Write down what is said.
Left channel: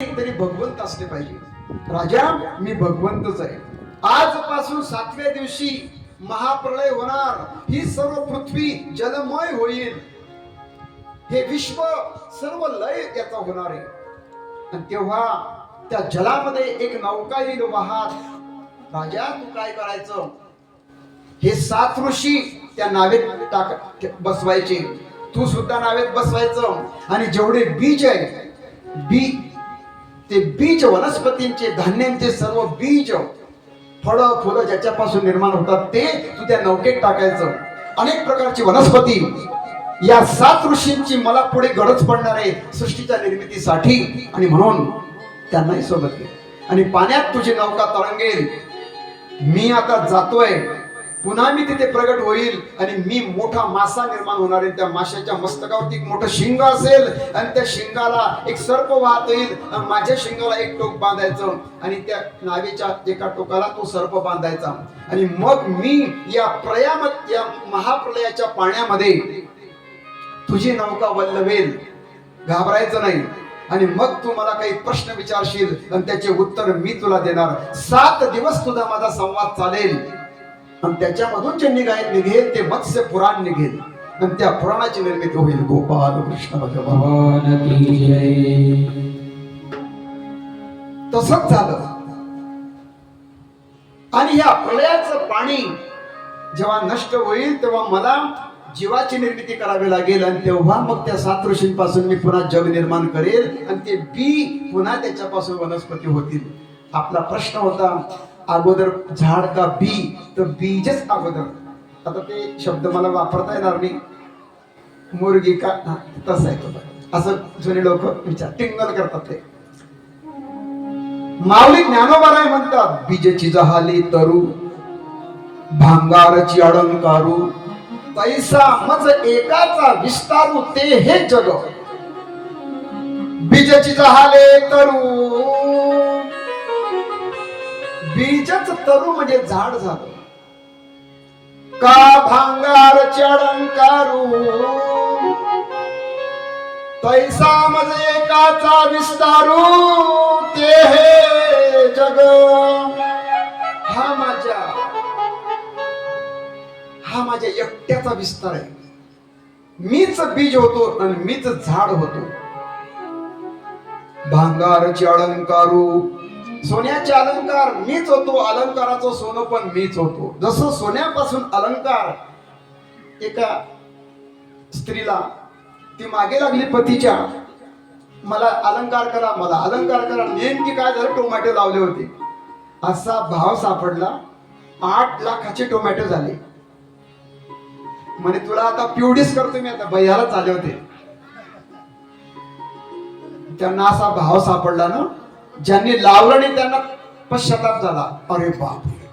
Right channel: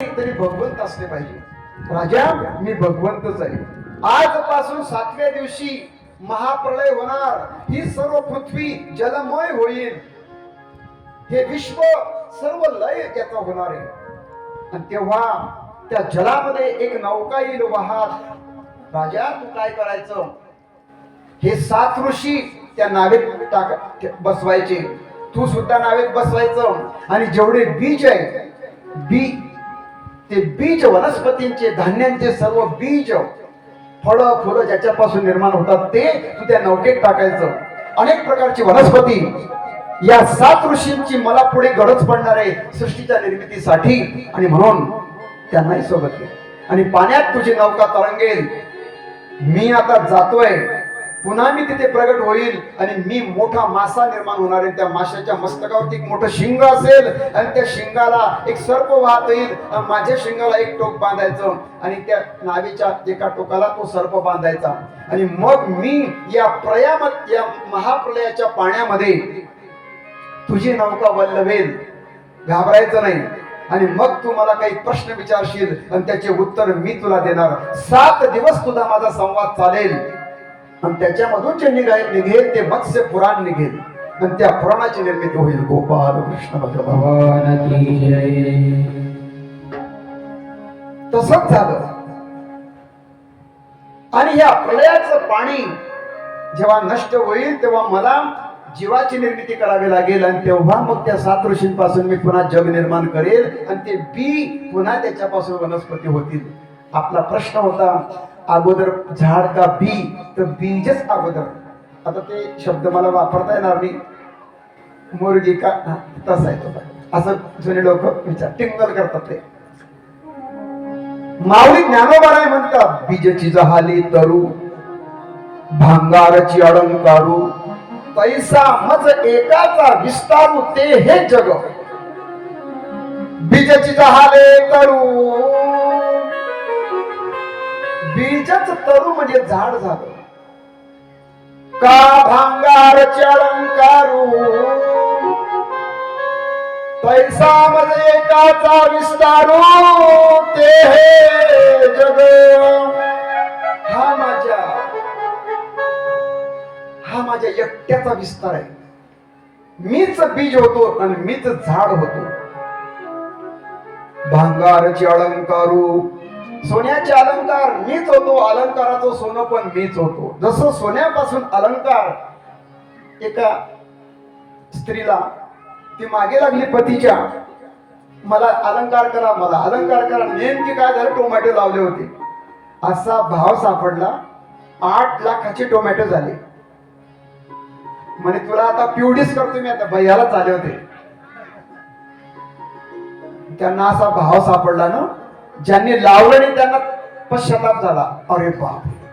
तरी भगवंत असले पाहिजे. राजा मी भगवंतच आहे. आजपासून 7व्या दिवशी महाप्रलय होणार. ही सर्व पृथ्वी जलमय होईल. हे विश्व सर्व लय त्याचा होणार आहे. आणि तेव्हा त्या जलामध्ये एक नौका येईल वाहत. राजा तू काय करायचं, हे 7 ऋषी त्या नावेत बसवायचे, तू सुद्धा नावेत बसवायचं. आणि जेवढे बीज आहे ते बीज वनस्पतींचे, धान्यांचे सर्व बीज, फळं फुलं ज्याच्यापासून निर्माण होतात ते तू त्या नौकेत टाकायचं. अनेक प्रकारची वनस्पती या 7 ऋषींची मला पुढे गरज पडणार आहे सृष्टीच्या निर्मितीसाठी. आणि म्हणून त्यांनाही सोबत घे. आणि पाण्यात तुझी नौका तरंगेल. मी आता जातोय, पुन्हा मी तिथे प्रगट होईल आणि मी मोठा मासा निर्माण होणार आहे. त्या माशाच्या मस्तकावरती एक मोठं शिंग असेल आणि त्या शिंगाला एक सर्प वाहत येईल. माझ्या शिंगाला एक टोक बांधायचं आणि त्या नावेच्या एका टोकाला तो सर्प बांधायचा. आणि मग मी या महाप्रलयाच्या पाण्यामध्ये तुझी नौका वल्लवेल. घाबरायचं नाही. आणि मग तू मला काही प्रश्न विचारशील आणि त्याचे उत्तर मी तुला देणार. 7 दिवस तुझा माझा संवाद चालेल. आणि त्याच्यामधून जे निघेल ते मत्स्य पुराण निघेल आणि त्या पुराणाची निर्मिती होईल. गोपाल कृष्ण भगवान की जय. तसंच झालं. आणि या प्रलयाचं पाणी जेव्हा नष्ट होईल तेव्हा मला जीवाची निर्मिती करावी लागेल. आणि तेव्हा मग त्या 7 ऋषींपासून मी पुन्हा जग निर्माण करेल आणि ते बी पुन्हा त्याच्यापासून वनस्पती होतील. आपला प्रश्न होता अगोदर झाड का बी, तर बीजच अगोदर. आता ते शब्द मला वापरता येणार नाही. मुर्गी का तसं आहे, असं जुने लोक विचार टिंगल करतात. ते माऊली ज्ञानोबाराय म्हणतात, बीजची जहाली तरू भांगारची अलंकारू, तैसा मज एकाचा विस्तारू ते हे जग. बीजची जहाले तरू, बीजच तरू म्हणजे झाड झालं. का भांगारची अलंकारू, तैसा मज एकाचा विस्तारू ते हे जग. हा माझ्या एकट्याचा विस्तार आहे. मीच बीज होतो आणि मीच झाड होतो. भांगारची अलंकारू, सोन्याचे अलंकार मीच होतो. अलंकाराचं सोनं पण मीच होतो. जसं सोन्यापासून अलंकार, एका स्त्रीला ती मागे लागली पतीच्या, मला अलंकार करा, मला अलंकार करा. नेमकी काय झालं, टोमॅटो लावले होते. असा भाव सापडला, 8 लाखाचे टोमॅटो झाले. म्हणे तुला आता पिवडीच करतो मी. आता भैयालाच आले होते. त्यांना असा भाव सापडला ना, ज्यांनी लावलं नाही त्यांना पश्चाताप झाला. अरे बापरे,